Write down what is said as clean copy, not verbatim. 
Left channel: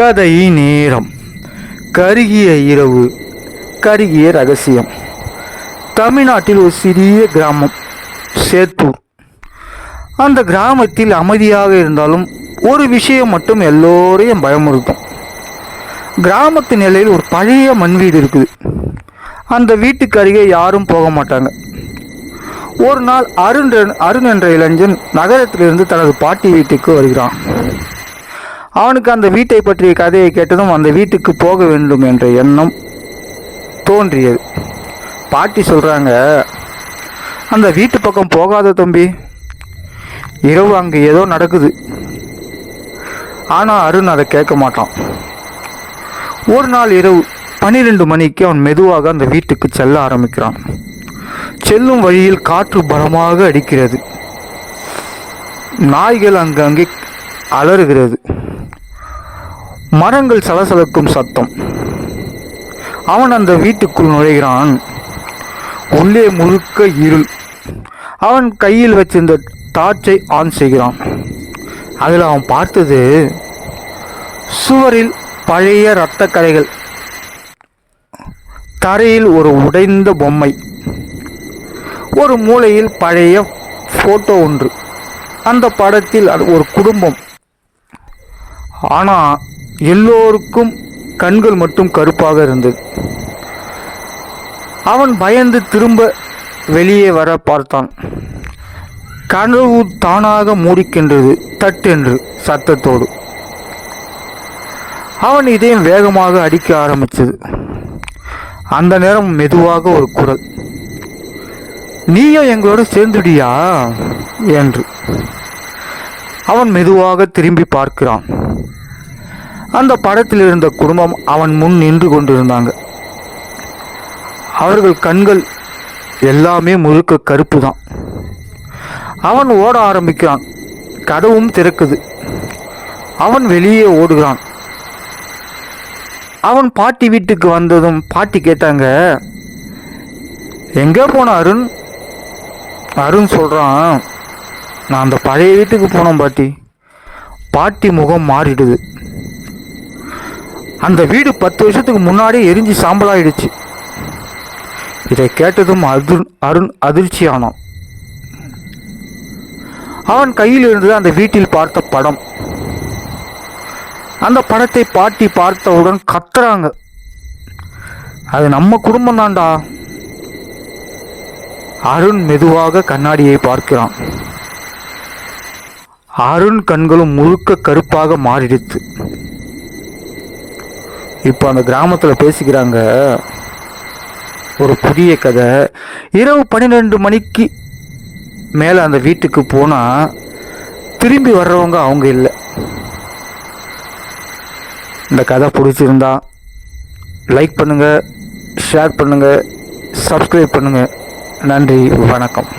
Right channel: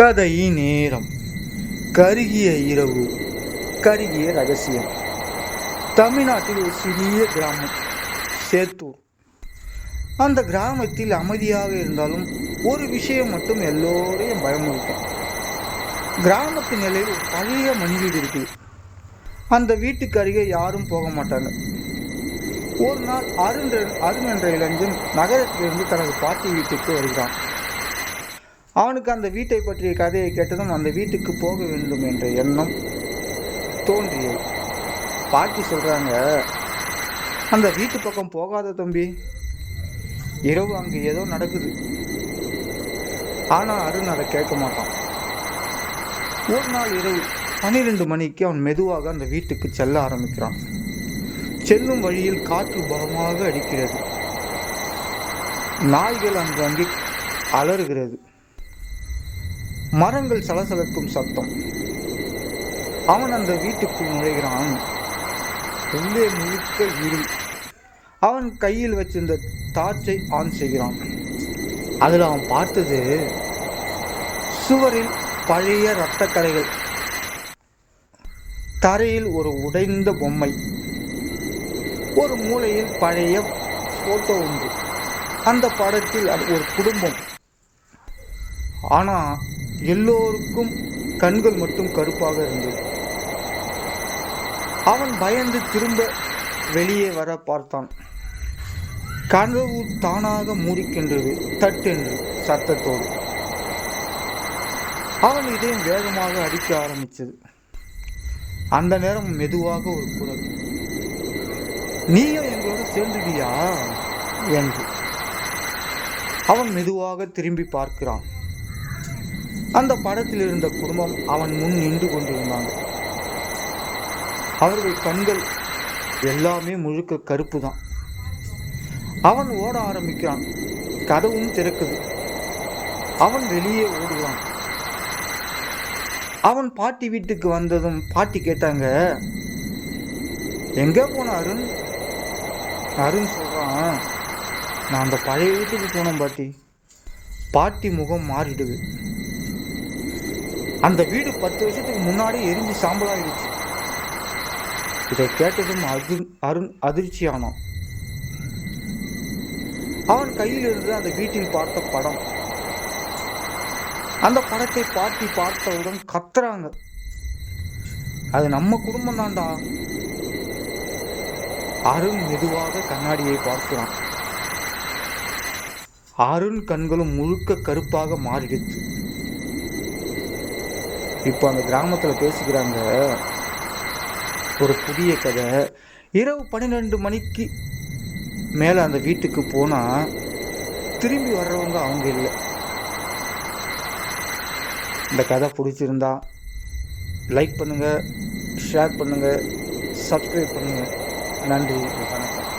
கதை நேரம். கருகிய இரவு, கருகிய ரகசியம். தமிழ்நாட்டில் ஒரு சிறிய கிராமம் சேத்தூர். அந்த கிராமத்தில் அமைதியாக இருந்தாலும் ஒரு விஷயம் மட்டும் எல்லோரையும் பயமுறுத்தும். கிராமத்து நிலையில் ஒரு பழைய மண் வீடு இருக்குது. அந்த வீட்டுக்கு அருகே யாரும் போக மாட்டாங்க. ஒரு நாள் அருண் என்ற இளைஞன் நகரத்திலிருந்து தனது பாட்டி வீட்டுக்கு வருகிறான். அவனுக்கு அந்த வீட்டை பற்றிய கதையை கேட்டதும் அந்த வீட்டுக்கு போக வேண்டும் என்ற எண்ணம் தோன்றியது. பாட்டி சொல்கிறாங்க, அந்த வீட்டு பக்கம் போகாத தம்பி, இரவு அங்கே ஏதோ நடக்குது. ஆனால் அருண் அதை கேட்க மாட்டான். ஒரு நாள் இரவு 12 மணிக்கு அவன் மெதுவாக அந்த வீட்டுக்கு செல்ல ஆரம்பிக்கிறான். செல்லும் வழியில் காற்று பலமாக அடிக்கிறது. நாய்கள் அங்கங்கே அலறுகிறது. மரங்கள் சலசலக்கும் சத்தம். அவன் அந்த வீட்டுக்குள் நுழைகிறான். உள்ளே முழுக்க இருள். அவன் கையில் வச்சிருந்த டார்ச்சை ஆன் செய்கிறான். அதில் அவன் பார்த்தது சுவரில் பழைய இரத்த கரைகள், தரையில் ஒரு உடைந்த பொம்மை, ஒரு மூலையில் பழைய போட்டோ ஒன்று. அந்த படத்தில் ஒரு குடும்பம். ஆனால் எல்லோருக்கும் கண்கள் மட்டும் கருப்பாக இருந்தது. அவன் பயந்து திரும்ப வெளியே வர பார்த்தான். கனவு தானாக மூடிக்கின்றது, தட்டென்று சத்தத்தோடு. அவன் இதயம் வேகமாக அடிக்க ஆரம்பித்தது. அந்த நேரம் மெதுவாக ஒரு குரல், நீயும் எங்களோட சேர்ந்துடியா என்று. அவன் மெதுவாக திரும்பி பார்க்கிறான். அந்த படத்தில் இருந்த குடும்பம் அவன் முன் நின்று கொண்டிருந்தாங்க. அவர்கள் கண்கள் எல்லாமே முழுக்க கருப்பு தான். அவன் ஓட ஆரம்பிக்கிறான். கதவும் திறக்குது. அவன் வெளியே ஓடுகிறான். அவன் பாட்டி வீட்டுக்கு வந்ததும் பாட்டி கேட்டாங்க, எங்கே போன அருண்? அருண் சொல்கிறான், நான் அந்த பழைய வீட்டுக்கு போனோம் பாட்டி. பாட்டி முகம் மாறிடுது. அந்த வீடு 10 வருஷத்துக்கு முன்னாடி எரிஞ்சு சாம்பலாயிடுச்சு. இதை கேட்டதும் அருண் அதிர்ச்சியானான். அவன் கையில் இருந்தது அந்த வீட்டில் பார்த்த படம். அந்த படத்தை பாட்டி பார்த்தவுடன் கத்துறாங்க, அது நம்ம குடும்பம் தான்டா. அருண் மெதுவாக கண்ணாடியை பார்க்கிறான். அருண் கண்களும் முழுக்க கருப்பாக மாறிடுச்சு. இப்போ அந்த கிராமத்தில் பேசிக்கிறாங்க, ஒரு புதிய கதை. இரவு 12 மணிக்கு மேலே அந்த வீட்டுக்கு போனால் திரும்பி வர்றவங்க அவங்க இல்லை. இந்த கதை பிடிச்சிருந்தா லைக் பண்ணுங்கள், ஷேர் பண்ணுங்கள், சப்ஸ்கிரைப் பண்ணுங்கள். நன்றி, வணக்கம்.